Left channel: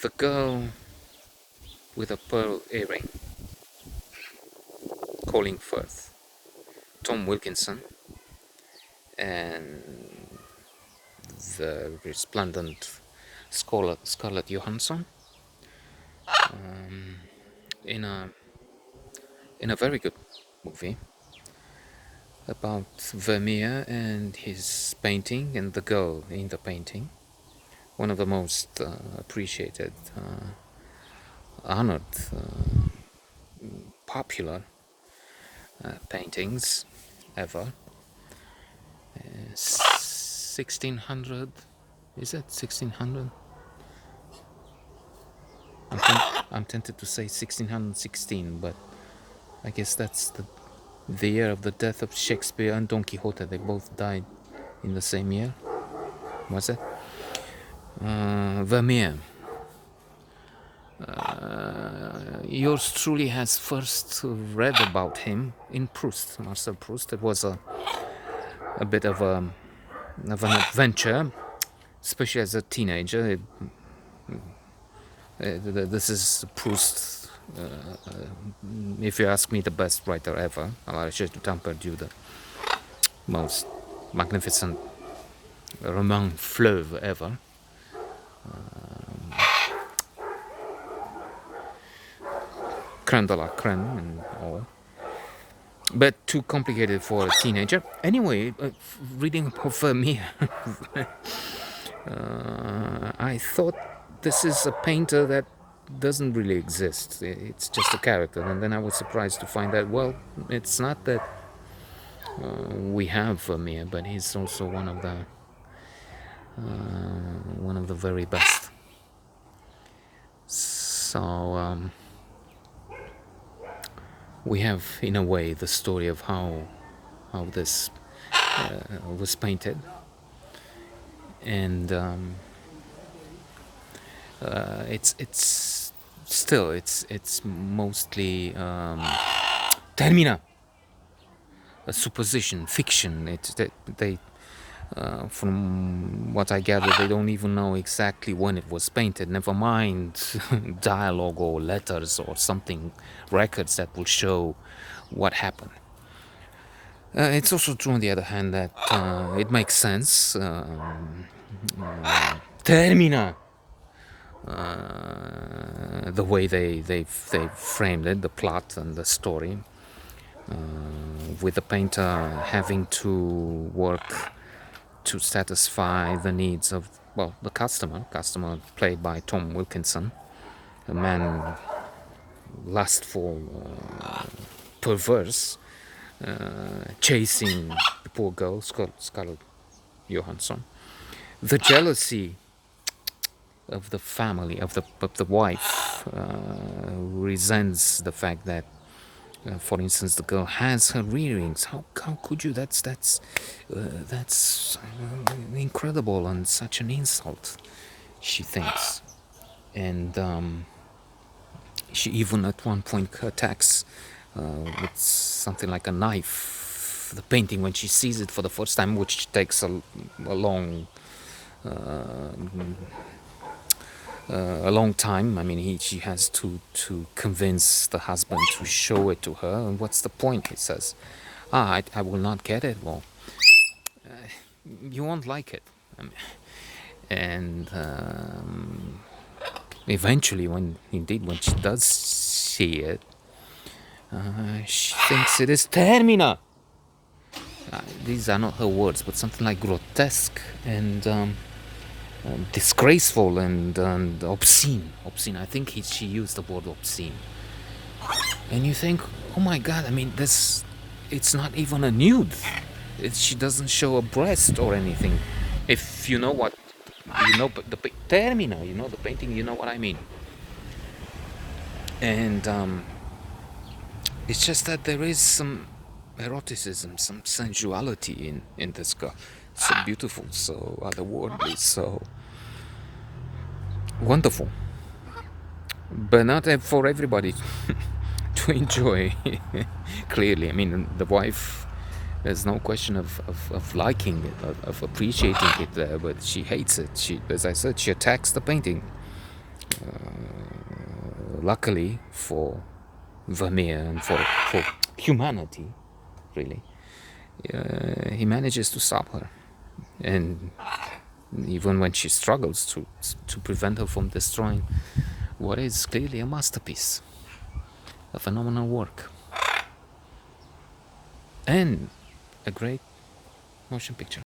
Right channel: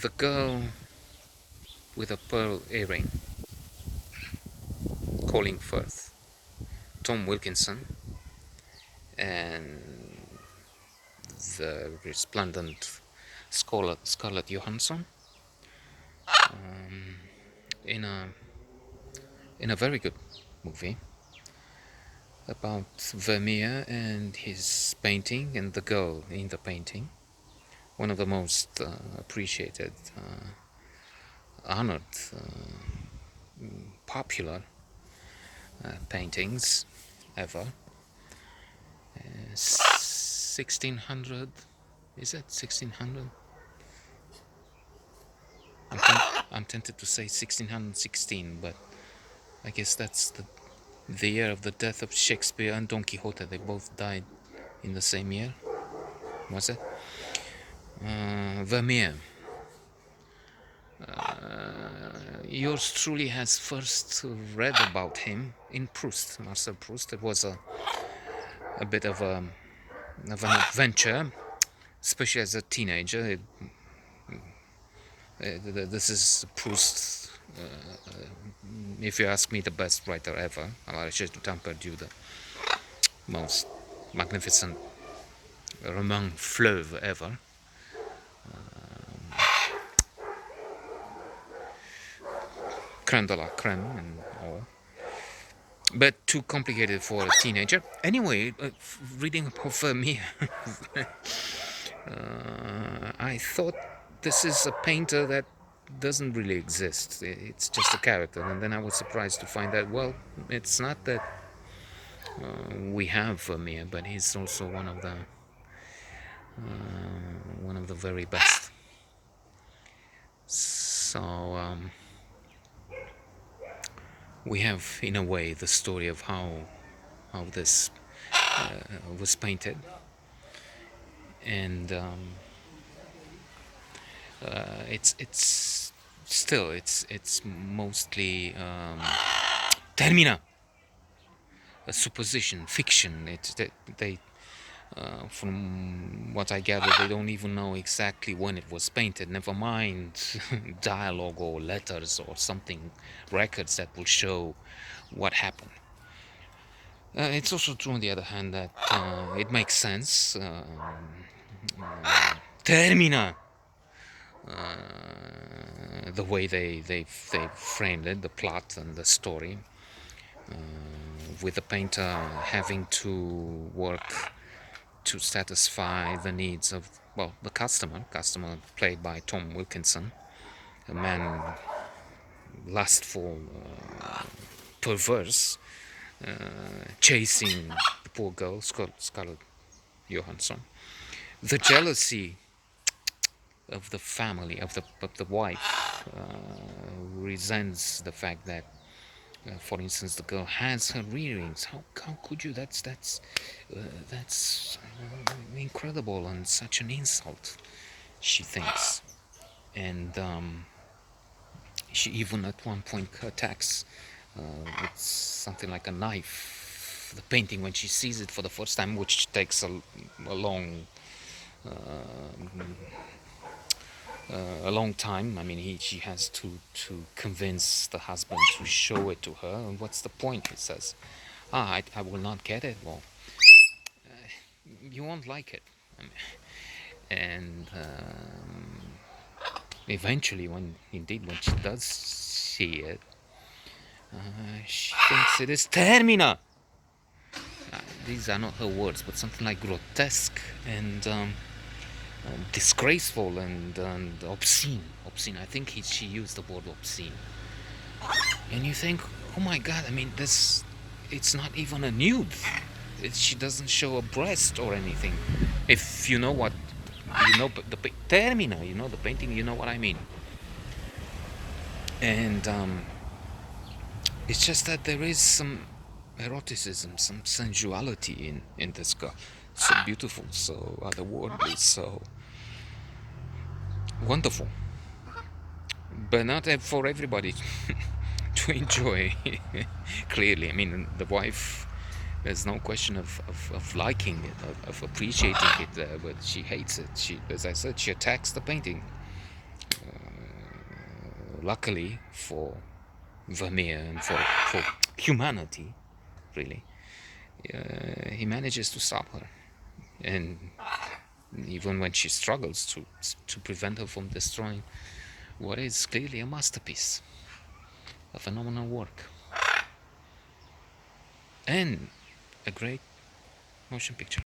The Girl with a Pearl Earring, Colin Firth, Tom Wilkinson, and the resplendent Scarlett Johansson, in a very good movie about Vermeer and his painting and the girl in the painting. One of the most appreciated, honored, popular paintings ever. 1600, is it 1600? I'm tempted to say 1616, but I guess that's the year of the death of Shakespeare and Don Quixote. They both died in the same year, was it? Vermeer. Yours truly has first read about him in Proust, Marcel Proust. It was a bit of an adventure, especially as a teenager. This is Proust, if you ask me, the best writer ever. Alexis de Temperdieu, the most magnificent roman fleuve ever. Creme de la creme and all. But too complicated for a teenager. Anyway, reading about Vermeer, I thought this is a painter that doesn't really exist. It's just a character. And then I was surprised to find that, well, it's not that we have Vermeer, but he's also one of the very best. So we have, in a way, the story of how this was painted, and it's still it's mostly termina, a supposition, fiction. It's they from what I gather, they don't even know exactly when it was painted, never mind dialogue or letters or something, records that will show what happened. It's also true, on the other hand, that it makes sense. Termina! The way they framed it, the plot and the story, with the painter having to work to satisfy the needs of, well, the customer played by Tom Wilkinson, a man lustful, perverse, chasing the poor girl, Scarlett Johansson. The jealousy of the family, of the wife, resents the fact that, for instance, the girl has her earrings. How could you? That's incredible and such an insult, she thinks. And she even at one point attacks with something like a knife the painting when she sees it for the first time, which takes a long time. I mean, she has to convince the husband to show it to her. And what's the point? He says, I will not get it. Well, you won't like it. And eventually, when she does see it, she thinks it is termina. These are not her words, but something like grotesque and disgraceful and obscene. I think she used the word obscene. And you think, oh my God! I mean, it's not even a nude. She doesn't show a breast or anything. If you know what, the termina, the painting, you know what I mean. And it's just that there is some eroticism, some sensuality in this girl. So beautiful, so otherworldly, so wonderful. But not for everybody to enjoy, clearly. I mean, the wife, there's no question of liking it, of appreciating it, but she hates it. As I said, she attacks the painting. luckily for Vermeer and for humanity, really, he manages to stop her, and even when she struggles to prevent her from destroying what is clearly a masterpiece, a phenomenal work, and a great motion picture.